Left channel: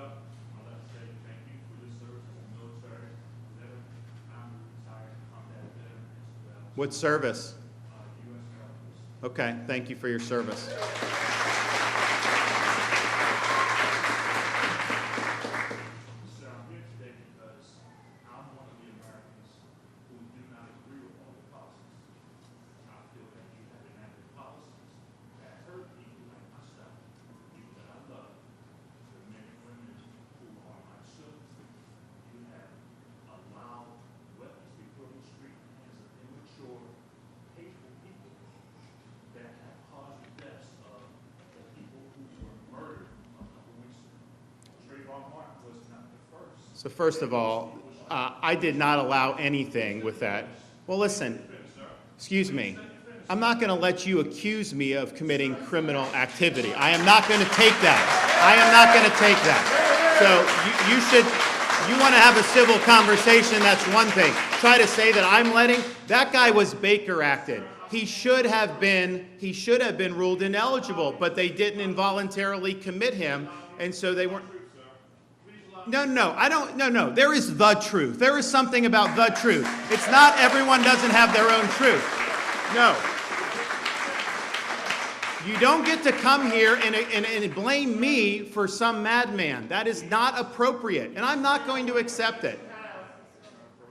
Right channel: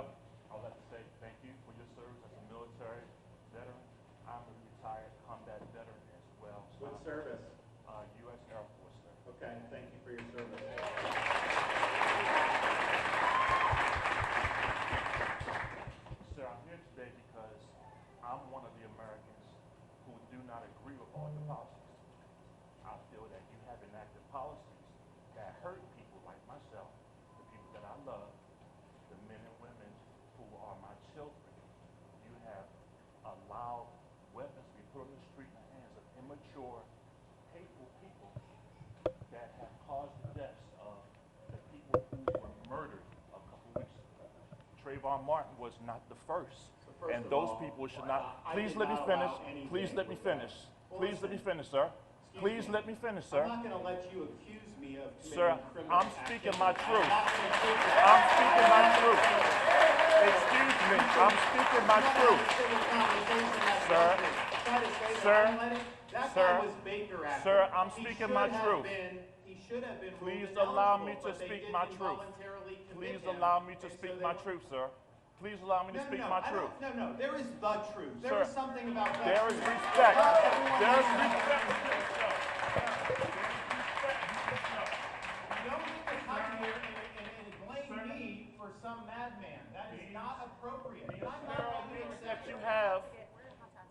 up, I'd like to say thank you for your service as a military veteran. I'm a retired combat veteran as well. What service? U.S. Air Force. Okay, thank you for your service. Sir, I'm here today because I'm one of the Americans who do not agree with all the policies. I feel that you have enacted policies that hurt people like myself, the people that I love, the men and women who are my children. You have allowed weapons to be put in the street in the hands of immature, hateful people that have caused the deaths of the people who were murdered a couple weeks ago. Trayvon Martin was not the first. So first of all, I did not allow anything with that. Well, listen, excuse me. I'm not going to let you accuse me of committing criminal activity. I am not going to take that. I am not going to take that. So you should, you want to have a civil conversation, that's one thing. Try to say that I'm letting, that guy was Baker acted. He should have been ruled ineligible, but they didn't involuntarily commit him, and so they weren't. No. There is the truth. There is something about the truth. It's not everyone doesn't have their own truth. No. You don't get to come here and blame me for some madman. That is not appropriate, and I'm not going to accept it.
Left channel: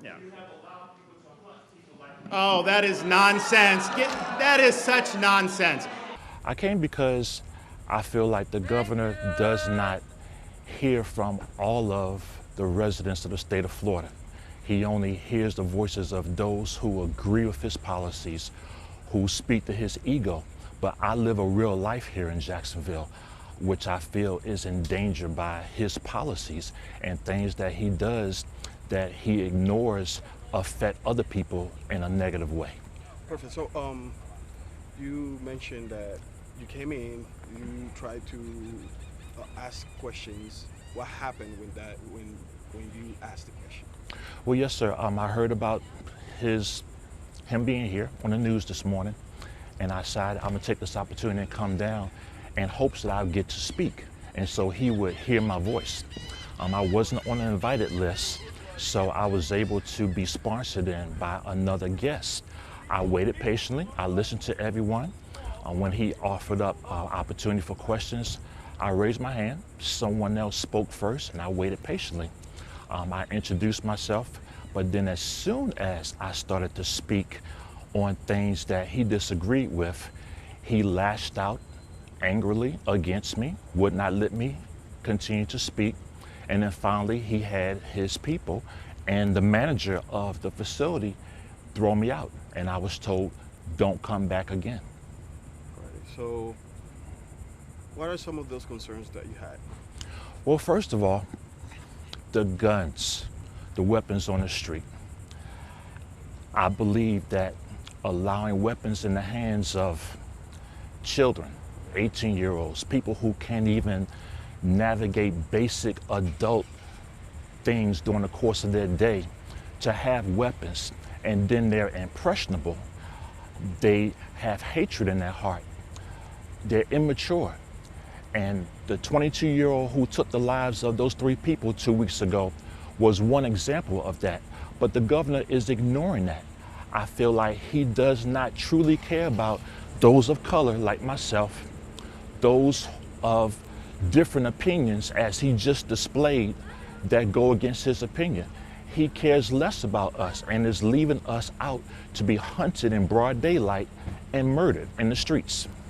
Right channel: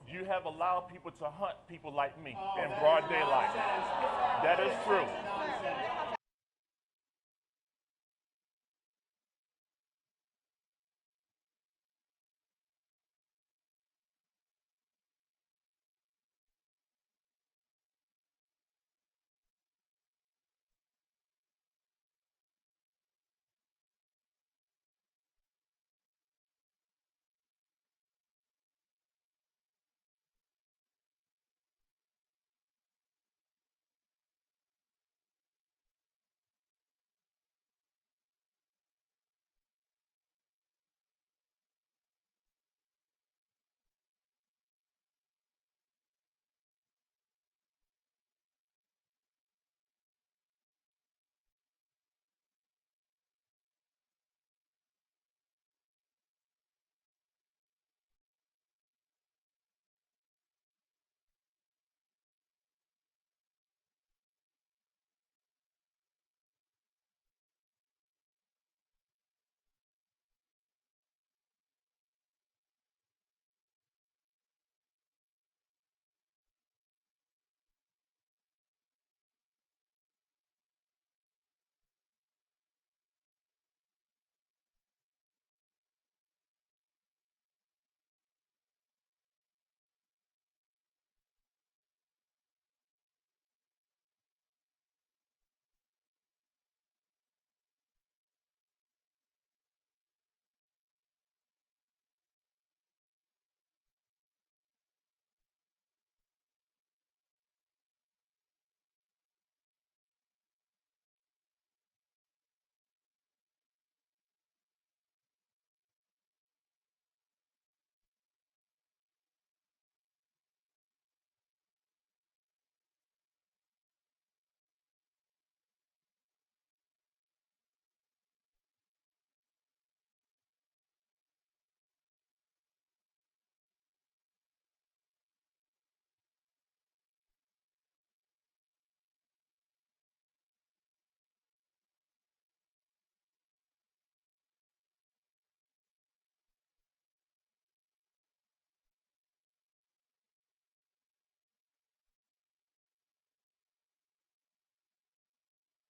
You have allowed people to hunt people like me. Oh, that is nonsense. That is such nonsense. I came because I feel like the governor does not hear from all of the residents of the state of Florida. He only hears the voices of those who agree with his policies, who speak to his ego. But I live a real life here in Jacksonville, which I feel is endangered by his policies, and things that he does that he ignores affect other people in a negative way. Perfect. So you mentioned that you came in, you tried to ask questions. What happened when you asked the question? Well, yes, sir. I heard about him being here on the news this morning, and I decided I'm gonna take this opportunity and come down in hopes that I'll get to speak, and so he would hear my voice. I wasn't on the invited list, so I was able to be sponsored in by another guest. I waited patiently. I listened to everyone. When he offered up opportunity for questions, I raised my hand. Someone else spoke first, and I waited patiently. I introduced myself, but then as soon as I started to speak on things that he disagreed with, he lashed out angrily against me, would not let me continue to speak. And then finally, he had his people and the manager of the facility throw me out. And I was told, don't come back again. Right. So what are some of those concerns that you had? Well, first of all, the guns, the weapons on the street. I believe that allowing weapons in the hands of children, 18-year-olds, people who can't even navigate basic adult things during the course of their day, to have weapons, and then they're impressionable. They have hatred in their heart. They're immature. And the 22-year-old who took the lives of those 3 people 2 weeks ago was one example of that. But the governor is ignoring that. I feel like he does not truly care about those of color like myself, those of different opinions as he just displayed that go against his opinion. He cares less about us and is leaving us out to be hunted in broad daylight and murdered in the streets.